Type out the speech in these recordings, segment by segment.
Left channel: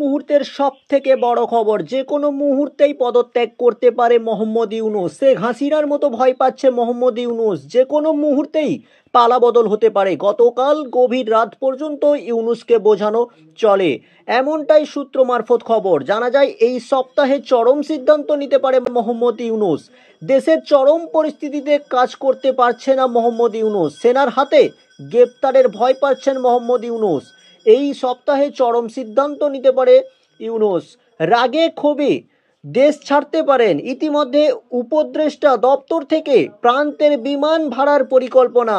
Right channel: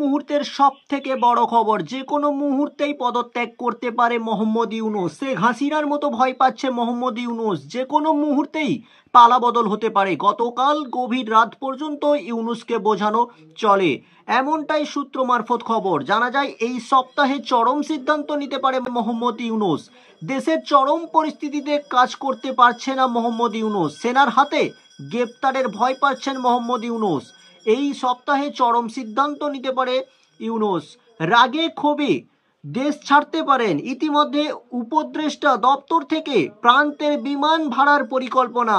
মুহূর্তের সবথেকে বড় খবর, যে কোনো মুহূর্তেই পদত্যাগ করতে পারে মোহাম্মদ ইউনূস। শেখ হাসিনার মতো ভয় পাচ্ছে মোহাম্মদ ইউনূস, যে কোনো মুহূর্তেই পালাবদল হতে পারে। গতকাল গভীর রাত পর্যন্ত ইউনূসকে বোঝানো চলে, এমনটাই সূত্র মারফত খবর। জানা যায় এই সপ্তাহে চরম সিদ্ধান্ত নিতে পারে মোহাম্মদ ইউনূস। দেশের চরম পরিস্থিতিতে কাজ করতে পারছে না মোহাম্মদ ইউনূস, সেনার হাতে গ্রেপ্তারের ভয় পাচ্ছেন মোহাম্মদ ইউনূস। এই সপ্তাহে চরম সিদ্ধান্ত নিতে পারে ইউনূস। রাগে ক্ষোভে দেশ ছাড়তে পারেন। ইতিমধ্যে উপদেষ্টা দপ্তর থেকে প্রান্তের বিমান ভাড়ার পরিকল্পনা।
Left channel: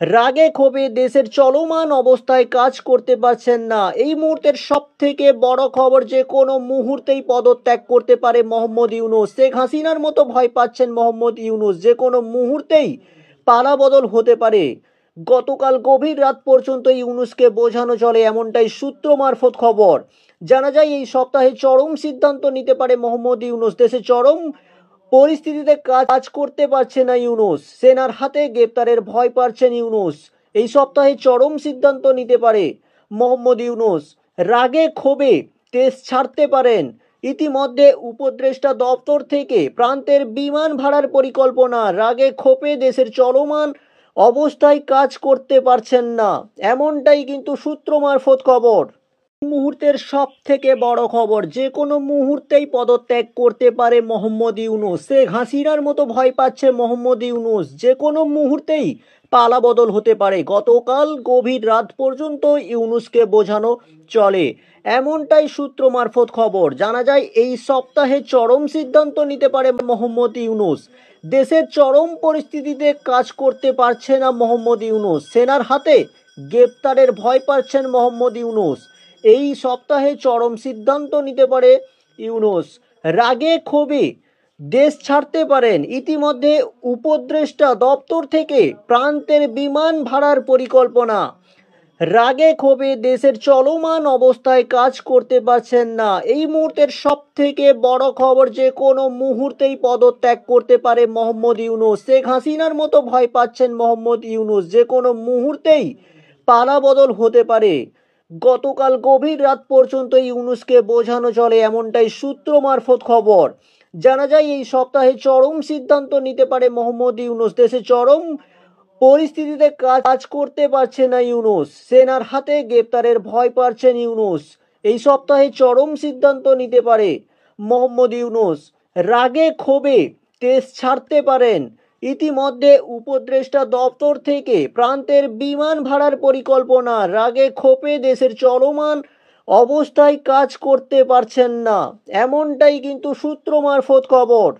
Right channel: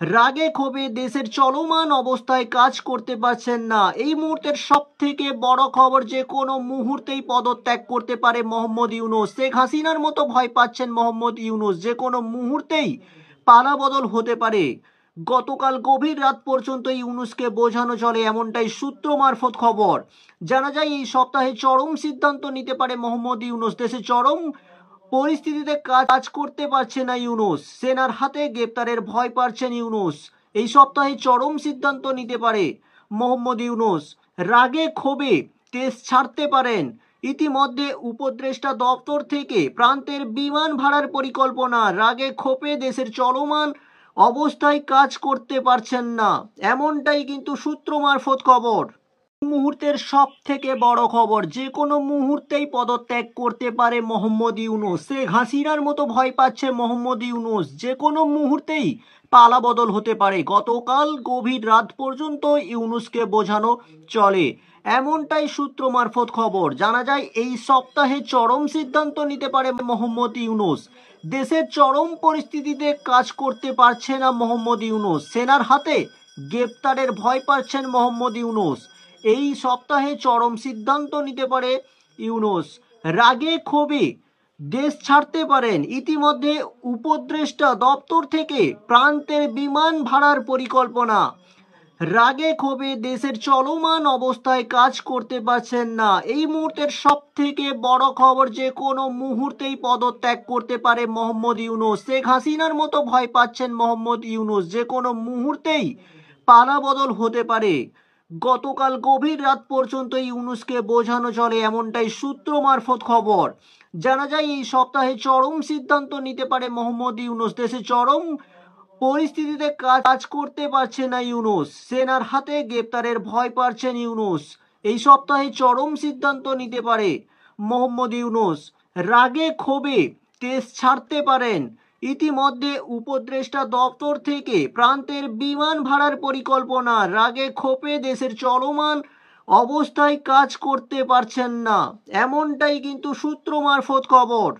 রাগে ক্ষোভে দেশের চলমান অবস্থায় কাজ করতে পারছেন না। এই মুহূর্তের সব থেকে বড় খবর, যে কোনো মুহূর্তেই পদত্যাগ করতে পারে মোহাম্মদ ইউনূস। শেখ হাসিনার মতো ভয় পাচ্ছেন মোহাম্মদ ইউনূস, যে কোনো মুহূর্তেই পালাবদল হতে পারে। গতকাল গভীর রাত পর্যন্ত ইউনূসকে বোঝানো চলে, এমনটাই সূত্র মারফত খবর। জানা যায় এই সপ্তাহে চরম সিদ্ধান্ত নিতে পারে মোহাম্মদ ইউনূস। দেশে চরম পরিস্থিতিতে কাজ করতে পারছে না ইউনূস, সেনার হাতে গ্রেপ্তারের ভয় পাচ্ছেন ইউনূস। এই সপ্তাহে চরম সিদ্ধান্ত নিতে পারে মোহাম্মদ ইউনূস। রাগে ক্ষোভে দেশ ছাড়তে পারেন। ইতিমধ্যে উপদেষ্টা দপ্তর থেকে প্রান্তের বিমান ভাড়ার পরিকল্পনা। রাগে ক্ষোভে দেশের চলমান অবস্থায় কাজ করতে পারছেন না, এমনটাই কিন্তু সূত্র মারফত খবর। মুহূর্তের সব থেকে বড় খবর, যে কোনো মুহূর্তেই পদত্যাগ করতে পারে মোহাম্মদ ইউনূস। শেখ হাসিনার মতো ভয় পাচ্ছে মোহাম্মদ ইউনূস, যে কোনো মুহূর্তেই পালাবদল হতে পারে। গতকাল গভীর রাত পর্যন্ত ইউনূসকে বোঝানো চলে, এমনটাই সূত্র মারফত খবর। জানা যায় এই সপ্তাহে চরম সিদ্ধান্ত নিতে পারে মোহাম্মদ ইউনূস। দেশের চরম পরিস্থিতিতে কাজ করতে পারছে না মোহাম্মদ ইউনূস, সেনার হাতে গ্রেপ্তারের ভয় পাচ্ছেন মোহাম্মদ ইউনূস। এই সপ্তাহে চরম সিদ্ধান্ত নিতে পারে ইউনূস। রাগে ক্ষোভে দেশ ছাড়তে পারেন। ইতিমধ্যে উপদেষ্টা দপ্তর থেকে প্রান্তের বিমান ভাড়ার পরিকল্পনা। রাগে ক্ষোভে দেশের চলমান অবস্থায় কাজ করতে পারছেন না। এই মুহূর্তের সব থেকে বড় খবর, যে কোনো মুহূর্তেই পদত্যাগ করতে পারে মোহাম্মদ ইউনূস। শেখ হাসিনার মতো ভয় পাচ্ছেন মোহাম্মদ ইউনূস, যে কোনো মুহূর্তেই পালাবদল হতে পারে। গতকাল গভীর রাত পর্যন্ত ইউনূসকে বোঝানো চলে, এমনটাই সূত্র মারফত খবর। জানা যায় এই সপ্তাহে চরম সিদ্ধান্ত নিতে পারে মোহাম্মদ ইউনূস। দেশে চরম পরিস্থিতিতে কাজ করতে পারছে না ইউনূস, সেনার হাতে গ্রেপ্তারের ভয় পাচ্ছেন ইউনূস। এই সপ্তাহে চরম সিদ্ধান্ত নিতে পারে মোহাম্মদ ইউনূস। রাগে ক্ষোভে দেশ ছাড়তে পারেন। ইতিমধ্যে উপদেষ্টা দপ্তর থেকে প্রান্তের বিমান ভাড়ার পরিকল্পনা। রাগে ক্ষোভে দেশের চলমান অবস্থায় কাজ করতে পারছেন না, এমনটাই কিন্তু সূত্র মারফত খবর।